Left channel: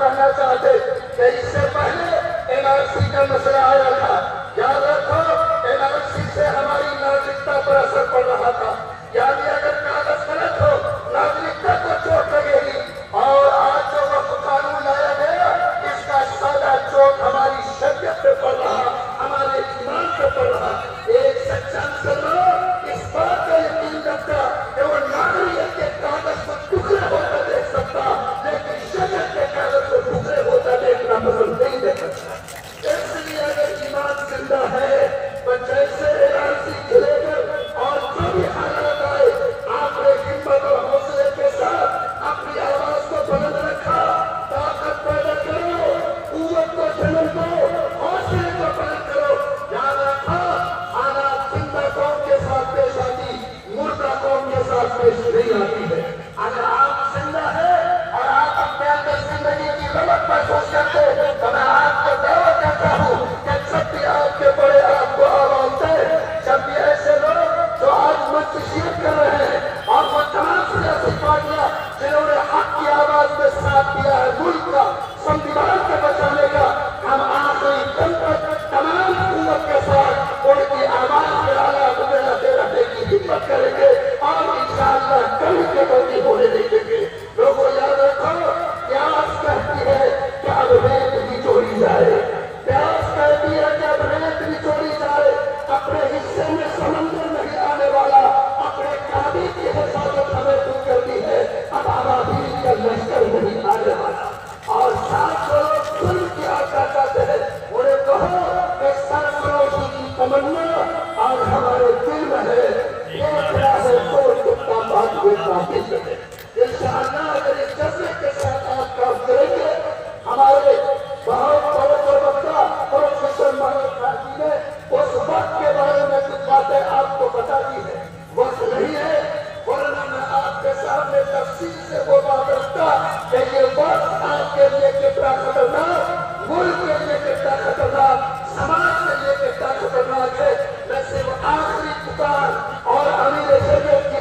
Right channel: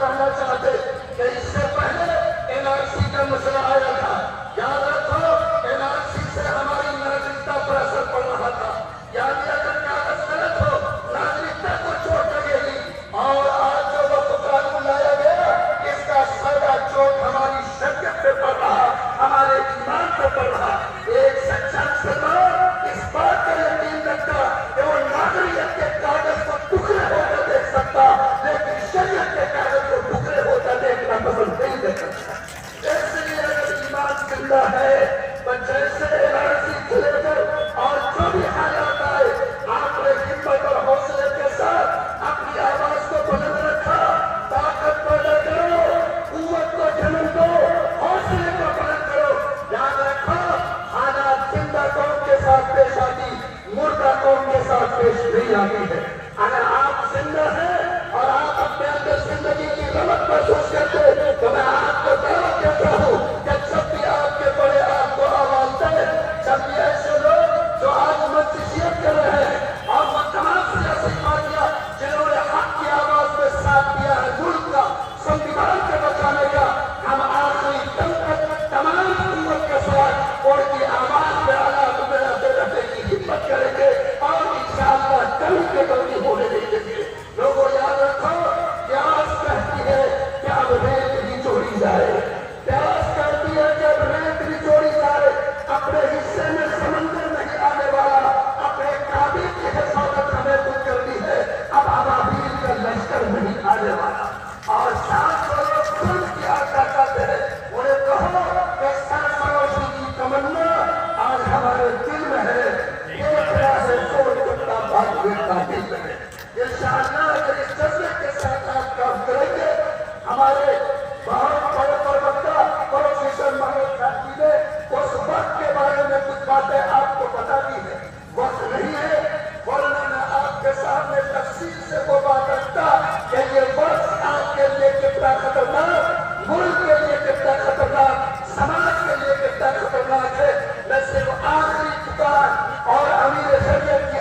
کہنا چاہتے کہ اس سے پہلے NRC کا مسئلہ آیا تھا. یاد رکھو NRC سے ہماری ناگرکتا پر اثر پڑ رہا تھا. یعنی اگر کاغذ غلط ہو ناگرکتا کو چوٹ لگے گی. اور آج جو وقت قانون لایا گیا اس کا سارا چوٹ ہماری شریعت پہ پڑ رہا, ہمارے ایمان پہ پڑ رہا. ایک سچا مسلمان اس بات کا یقین رکھتا کہ وہ ناگریت کے کاغذ کو ٹکڑے ہوتا دیکھ سکتا, لیکن شریعت کے کاغذ کو ٹکڑے ہوتا دیکھنا پسند نہیں کر سکتا. اس لیے اگر ایمان زندہ ہے تو جیسے NRC کھلے کر اور جو بھی حالات آئے آپ نے ہمت اور حوصلے کے ساتھ اپنی آواز کو بلند رکھا. طاقت پیدا کرو, قوت کو جنم دو, حوصلے کو بلند کرو. یاد رکھو حالات زندہ قوم کے ساتھ پیش آتی, مردہ قوم کے ساتھ پیش نہیں آتی ہے. اگر آپ زندہ ہیں اور آپ اپنے اندر زندگی کی رمق محسوس کرتے تو میں آپ کو دعوت کرتا ہوں کہ جب بھی آپ کے بڑے آپ کو آواز دیں, جب بھی ایسے لوگ جو آج منتشیت کر رہے ہیں اور وہ تمام سیاسی پارٹیاں جنہوں نے حق کی آواز میں ساتھ دیا ہے ملک کا سنویدھان کو بچانے کا, ہم آخری دم تک تمام قوت کے ساتھ ان کی آواز میں اعلیٰ مبینہ رہنے کی ہمت کریں گے اور انشاءاللہ کبھی کے کبھی ہونے نہیں دیں گے. لوگوں یاد رکھو پیاس کہتی ہے کہ اب ریت نچوڑی جائے, پیاس کہتی ہے کہ اب ریت نچوڑی جائے. اپنے حصے میں سمندر نہیں آنے والا, اپنے کعبے کی حفاظت ہمیں تو کرنی ہے, اب ابابیل کا لشکر نہیں آنے والا. اور ساتھ جو لوگ ظلم کی آقا کرتے ہیں انہیں کہو کہ سرفروشی کی تمنا آج ہمارے دل میں ہے, یہ کیا ہے توڑ کتا بات ہوئے قابل ہے. انشاءاللہ اگر اس جذبے کے ساتھ آپ کام کریں گے, ہمارے بہت بڑے پروکتا پروفیسر محمد خاجی نے اس وقت کے بارے میں کچھ باتیں آپ کو بتا دی ہے. وقت نہیں ہے ورنہ میں آپ کے سامنے تفصیل سے وہ بات رکھتا کہ یہ وقت آپ کے لیے کتنا خطرناک, ملک کے لیے کتنا خطرناک, سماج کے لیے کتنا خطرناک ہے. میں صرف آخری پکار اور امیر شریعت کی